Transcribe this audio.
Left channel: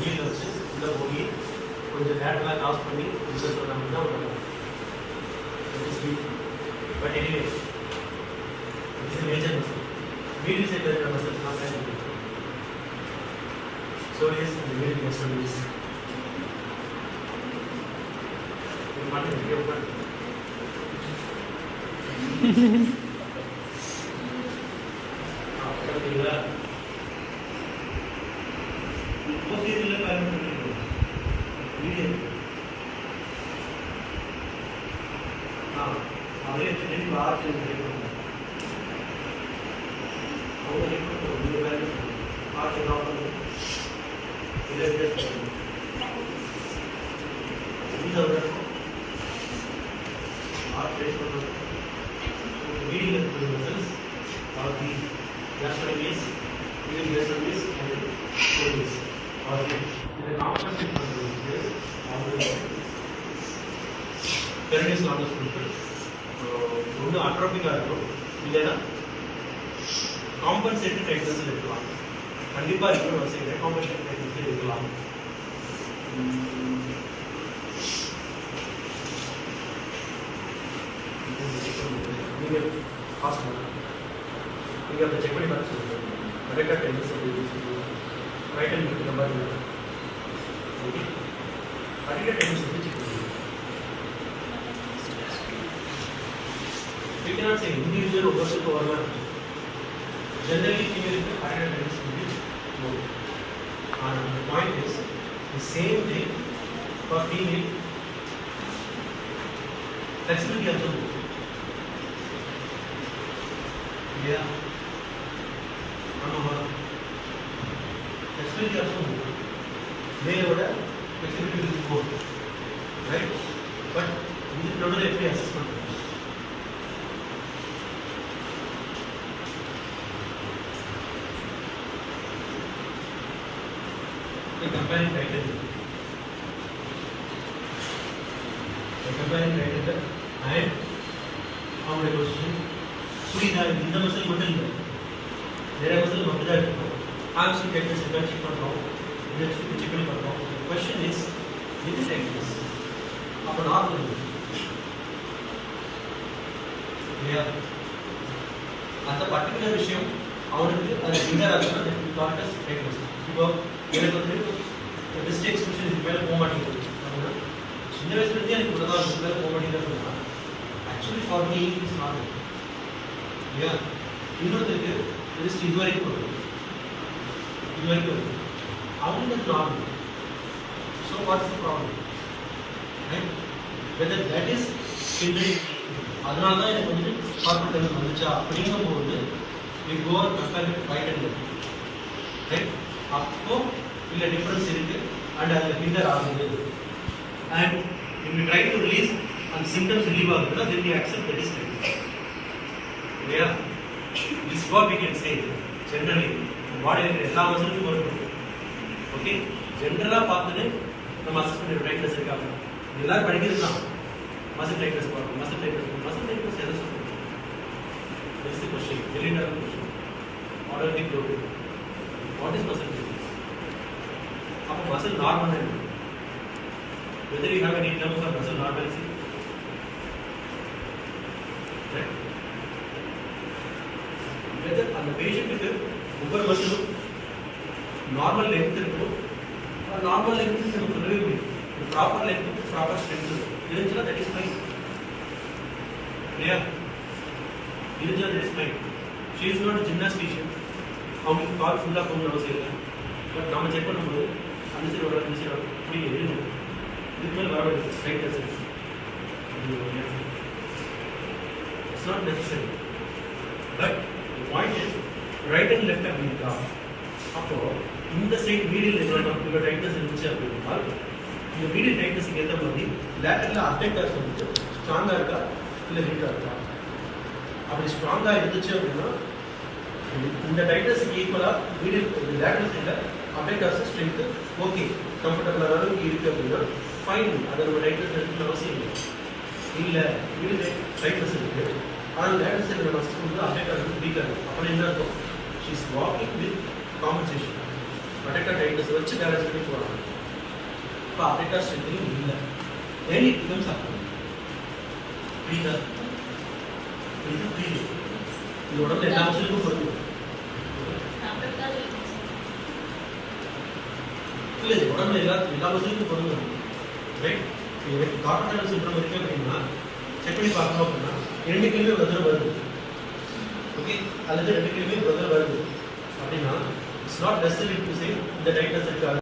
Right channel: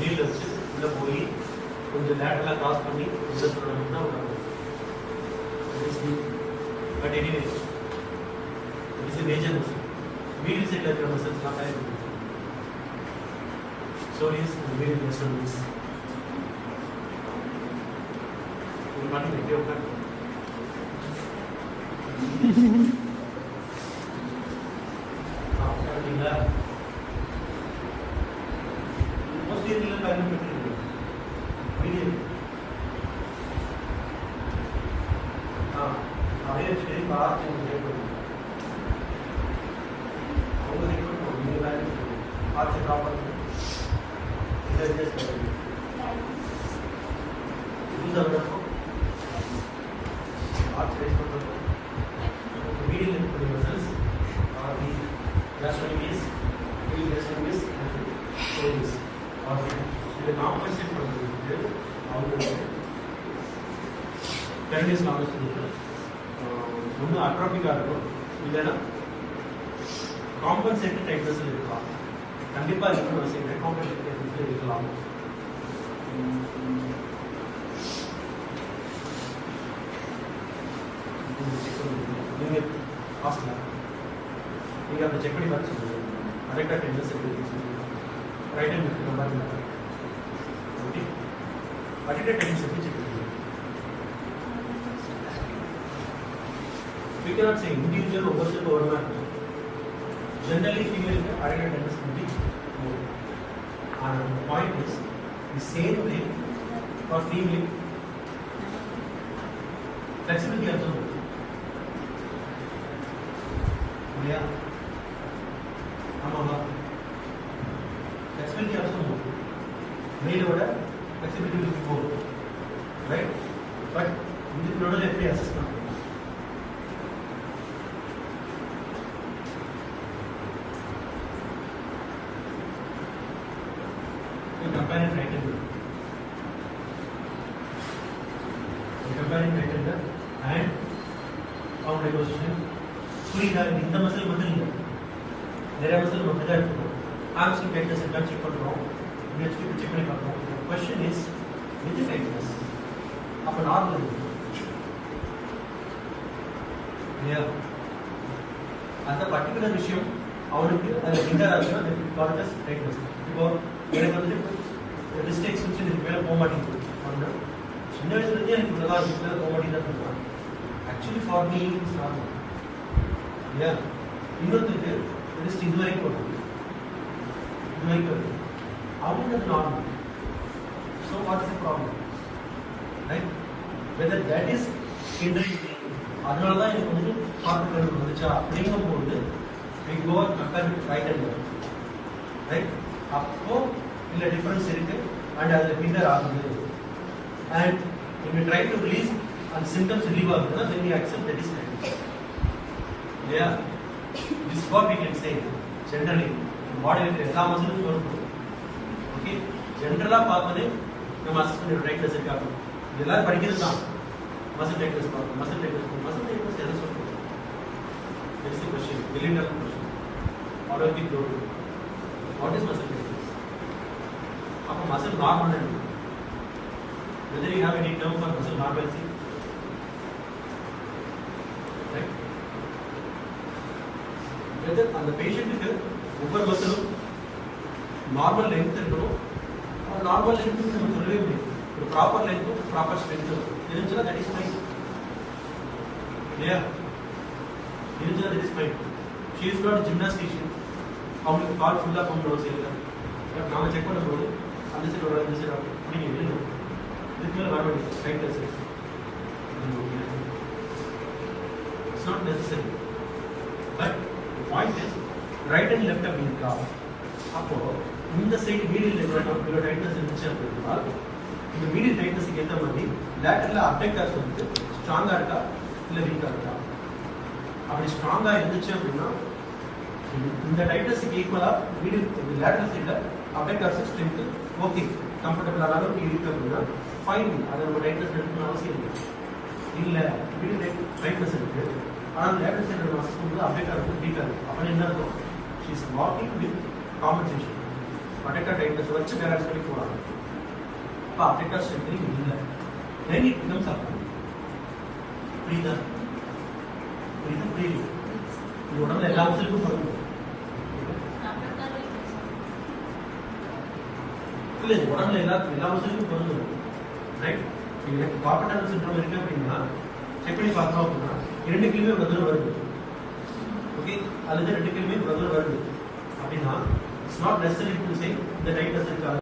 நீல வச்சு உள்ள போய் கொஞ்சம் லேட்டரலா கிராஸ் பண்ணி உள்ள சொன்னா but anyway it is a major muscle. Medial cervical muscle is not as big. So yes, the medial external is. You want to video open? Most irregular parameter. Medial. அதே state arch break பண்ணுவோம் அவங்க இருக்கும் இந்த value arch draw பண்ணி இதை ரிலேஸ் பண்ணுவோம் இது வரப்போ ஆர்ச் ரேஸ் பண்ணுறது மீடியம் இருக்கிற results are the gastrocnemius medium gastrocnemius and சேவிஸ் ஆர் இதை காம்பன்சேட் பண்ணுறதுக்கு அவங்க பெரனிஸ் நாங்கள் சொல்லிட்டு ஒன்று அட்ரோபிக்காக இருக்கும் இல்லைன்னா காம்பன்சேட்டட் டைட்டஸ் இருக்கலாம். கண்டிப்பாக இருக்கணும் அவசியம் காம்பன்சேட்டட் டைட்டஸ் இருக்கலாம். நீங்கள் ஃபாஸ்ட் நீங்கள் அதை செக் பண்ணி பார்த்து சொல்லுங்கள். கரெக்டாக Titus right hand number okay கரெக்டாக டைட்டஸ் செக் பண்ணுங்கள். We cannot say individual overall overlap. Generally, female areata tends to be more. And the point is, the same way for female, flexibility also more. Yeah. Amava. Flexibility also more. Male order, flexibility is more. Right? But this is not an FA assessment. Comparing criteria and how the position புரியுதா இந்த muscle மட்டும் இல்லை நிறைய muscle மட்டும் தான் இருக்கும் option tightness இருக்கான்னு check பண்ணுறோம் நெக்ஸ்ட் செக் பண்ணி பார்க்குறோம் கொஸ்டின் இஸ் வித் டைட்னஸ் அப்போ நார்மல் இல்லையா அந்த பர்டிகுலர் விஷயம் அவனுக்கு அது ஃபிங்கர் ஆகுது அந்த டார்கஸ் டைட்னஸ் இப்போ எனக்கு வந்து மிஸ்டேக்ஸ் விஷயம் இதுக்கு மேலே போக மாட்டேங்குது அப்படின்னா சின்ன வயசுலேருந்தே எனக்கு உள்ளதாக இதுக்கு மேலே போக மாட்டேங்குதுன்னா actually for me is normal இல்லையா இன்னொருத்தருக்கு ஜஸ்ட் இது வரைக்கும் வரும் இது வரைக்கும் வருது அவங்களுக்கு normal so what is the problem right whether that is hindering அதனால தான் எனக்கு வந்து பார்க்க தெரிஞ்சு வந்துச்சா அப்படிங்கும்போது we go and compare with right and left right அப்போ இல்ல டிஃபரன்ஸ் இருக்கு and அதுல ஹிண்டர் ஆகுது and when we try to release and symptoms relieve ஆகுதுன்னா then we accept that is right yeah this is what we can say generally பாடியில் இருக்கிற எல்லா மசிலும் வரும் ஓகே ஜென்ரலா பார்த்தது நம்ம அசிஸ்டன்ட் டைட்னஸ் இருக்காங்க எல்லாரும் படிக்கிறது தான் மசில் டைட்னஸ் பார்க்கணும் மசில் டைட்னஸ் எதை சொல்றது this is the question cylinder aortic lobe what is muscle tightness அப்ப muscle normal है whether you have any term for muscle normalcy right whether அந்த பேஷண்ட்க்கு ஒவ்வொரு மசிலும் நார்மல் லென்த் இருக்கணும் அப்ப நார்மல் லென்த் நம்ம சொல்லவே முடியும் ஒரு ப்ராப்பர் லென்த் ப்ராப்பர் ஸ்ட்ரென்த் இருந்துச்சுன்னா தட் இஸ் ஃபைன் இல்லையா இருந்துச்சுன்னா that is fine she is not ஜிம்னாஸ்டிஷியன் அவங்க கால் ஃபுல்லாக கொஞ்சம் அவசியம் இல்லை பட் நாம செக் பண்ணும்போது அந்த சைடு வர இந்த சைடு பிடிங்க எழுது இதுக்கு மேலே வர straight exercise it's not necessary but point is right and left அப்படி இருக்கா அப்போ இந்த சைடு மீடியல் இவ்வளோ டைட்னஸ் இருந்துச்சு அப்படின்னா இந்த மீடியல் டைட்னஸுக்கு ஏற்ற மாதிரி லேட்டரில் அப்டெக்டர்ஸ் வந்து ஸ்ட்ராங்காக இருக்கா இல்லை வீக்காக இருக்கா அப்படி ஸ்ட்ராங்காக இருந்துச்சு அப்படின்னா இந்த டைட்னஸுக்கு ஈக்குவலாக மீடியல் லேட்டரல் சைடில் அப்டெக்டர்ஸ் ஸ்ட்ரென்த்து ஓகே கம்ஃபர்டபுளான அளவுக்கு இருக்குது அப்படின்னா ஃபைன் அதை நம்ம டைட்னஸ் எடுக்கணும் அவசியம் இல்லை இல்லை மீடியல் டைட்னஸ் இருக்குது ஆனால் லேட்டரல் சைடில் மசில் வந்து அப்டெக்டர் வந்து வீக்காக இருக்குது அப்படின்னு என்ன இருக்கும் she is walking with compensation adductor டைட்டஸ் வச்சு பேலன்ஸ் பண்ணி போறாங்க. இப்போ அடெக்டர் ஸ்ட்ரென்த்னிங் இல்லை, then it becomes abnormal. புரியுதா? புரியுது. இது உடம்புல எல்லா மசிலுக்கும் பொருந்தும். இல்லை, இது உடம்புல எல்லா மசிலுக்கும் பொருந்தும். ரைட்? எனக்கு கார்பன் சிண்ட்ரோம் இருக்கு அப்படின்னா செக் பண்ணி பார்க்கணும் அப்படின்னா 2 கேள்வி ஒரு தடவை வருது. ஓகே, அதுல 2 கேள்வி ஒரு தடவை வருது அப்படின்னா it's not necessary to say இந்த டைட் இருக்காது.